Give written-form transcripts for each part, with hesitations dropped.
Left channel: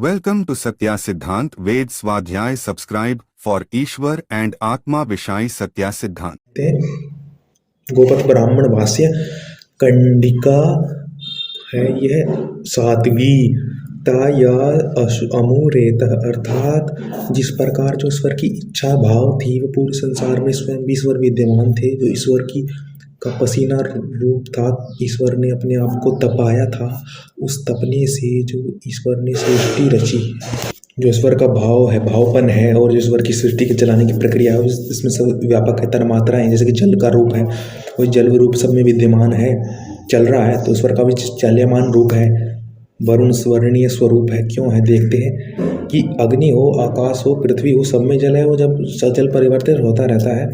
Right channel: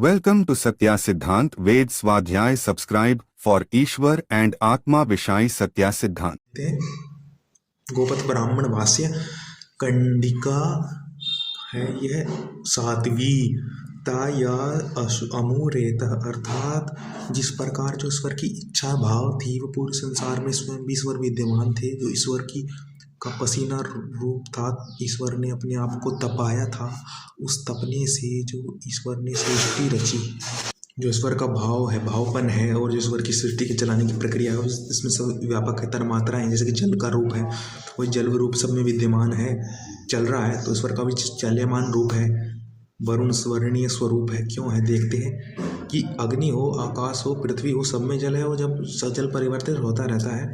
Welcome to Satya Siddhant Ved Swadhyay. Subscribe for Ishwar and Atma Vishai Satya Siddhant. Gopatha ब्राह्मण भाष्य कंडिका है यह साध्वी ता या अमूरेत अर्थात जिस प्रकार जो ईश्वर की इच्छा भाव थी वो पूरे संसार में स्वयं भी ईश्वर विद्यमान थे। जो ईश्वर की का पसीना रूप था, ईश्वर ने अपने आप को तपाया था। उस तपने से जो ईश्वर ने सृष्टि रची, जो ईश्वर का भाव है, भावपन है, और जो ईश्वर की सृष्टि के चलाने की प्रक्रिया है इसमें सब व्यापक है। तन्मात्राएं जैसे कि जल का रूप है, वही जल रूप सब में विद्यमान है, चल रहा है। तो ईश्वर का भी चल्यमान रूप है। वरुण स्वर्णीय स्वरूप है। क्यों है देखते हैं कि अग्नि हो, आकाश हो, पृथ्वी हो, सब में जल है। वो जब सजल परिवर्तित होता रहता है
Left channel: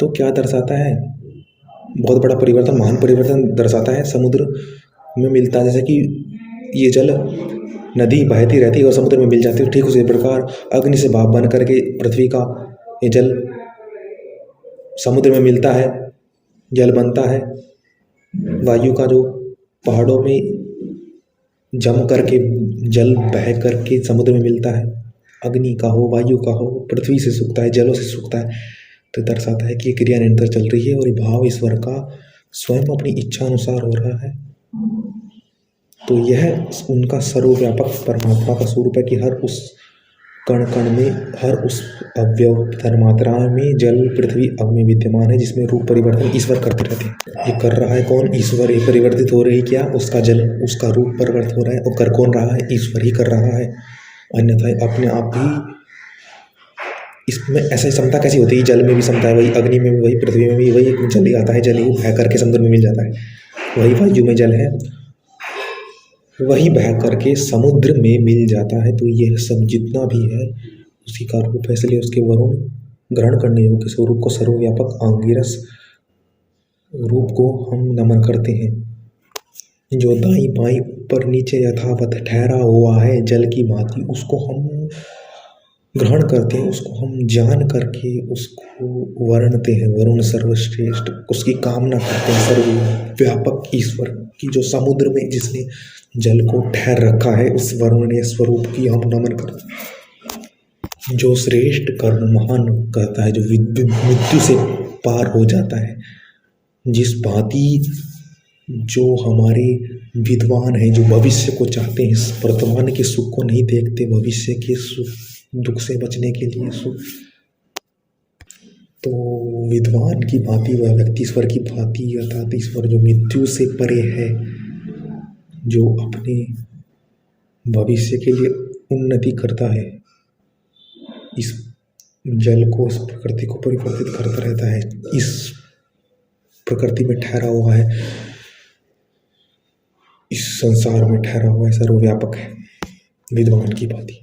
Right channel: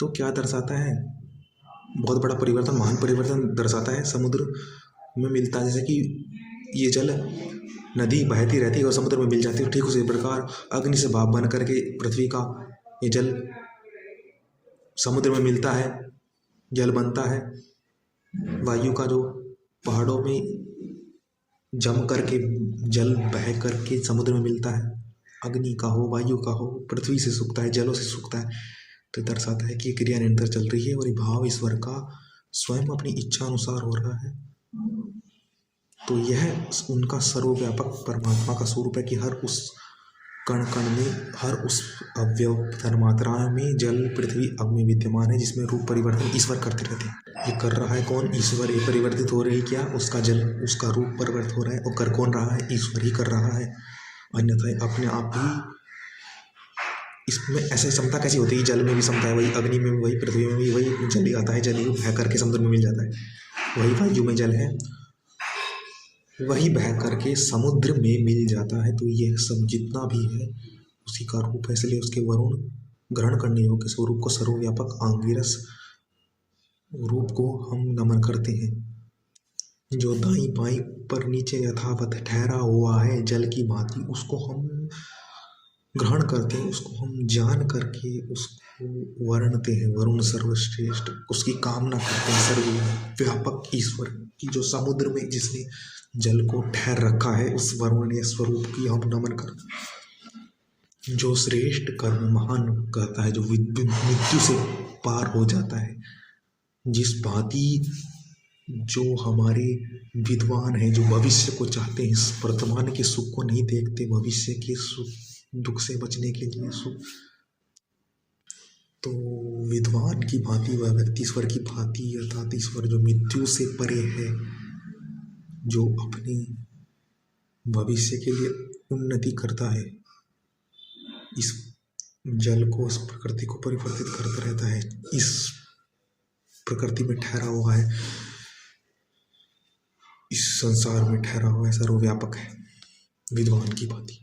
तो क्या दर्शाता है? बहुत बड़ा परिवर्तन, महान परिवर्तन दर्शाता है। समुद्र में मिलता है, जैसे कि ये जल नदी बहती रहती है और समुद्र में मिल जाती है, ठीक उसी प्रकार अग्नि से भाप बन करके पृथ्वी का ये जल समुद्र में मिलता है, जल बनता है। वायु का जो पहाड़ों में जम करके जल बह करके समुद्र में मिलता है, अग्नि का हो, वायु का हो, पृथ्वी से सूखता है, जलों से सूखता है। तो दर्शाता है कि ये क्रिया निरंतर चल रही है और ये भाव ईश्वर का स्वयं अपनी इच्छा अनुसार हो रहा है। तो यह उनका सर्वव्यापक परमात्मा का स्वरूप है कि हर उस कण कण में, हर उस अवयव तन्मात्रा में जल, पृथ्वी, अग्नि विद्यमान है, जिसमें रूप परिवर्तन ईश्वर करते रहते हैं। ये कर रहा है कौन? ईश्वर। ये परिवर्तित हो रही क्या? उसका जल, उसका रूप परिवर्तित हो रहा है। और कर कौन रहा है? ईश्वर ही कर रहा है। अन्यथा अपने आप भी इसमें ऐसी क्षमता कैसी होती है? जल में भी क्षमता है, वही अग्नि में भी, वही पृथ्वी में भी, वही जल ही आता है, जल ही बह करके समुद्र में मिल जाता है। वही वायु में जल है, वही बह करके समुद्र में मिल जाता है। तो यह सब जितना भी है उसी का रूप है। इसलिए उसके वरुण ग्रहण करने योग्य स्वरूप को, सर्वव्यापक आंगिरस रूप को हम नमन करते हैं। जो दाईं बाईं ऊपर नीचे यथावत ठहरा हुआ है जल की भांति, उसको हम ग्रहण करते हैं, उसको हम जान करके उसको वर्णते हैं। वरुण सर्वश्रेष्ठ, उसकी कामना करते हैं। सर्वव्यापक ईश्वर की जो समुद्र में जिसने जल को ठहर रखा है, उस वरुणीय स्वरूप की हम नमन करते हैं। जो श्रेष्ठ कर्म महान करता है, जो मृत्यु से पार हो जाता है, जिस भांति जो हमारे विद्वान हैं, जो भविष्य को चाहते हैं, वर्तमान के सुख को नहीं देखते, भविष्य के सुख दुख से बचने के लिए सुख, तो विद्वान की भांति वह व्यक्ति ईश्वर की भांति, अर्थात ईश्वर जो मृत्यु से परे है, जो अपने भविष्य के लिए उन्नति करता है, इस जल को, इस प्रकृति को परिवर्तित करता रहता है, इस प्रकृति में ठहरा हुआ है, इस संसार में ठहरा हुआ है, सर्वव्यापक है, विद्वान की भांति।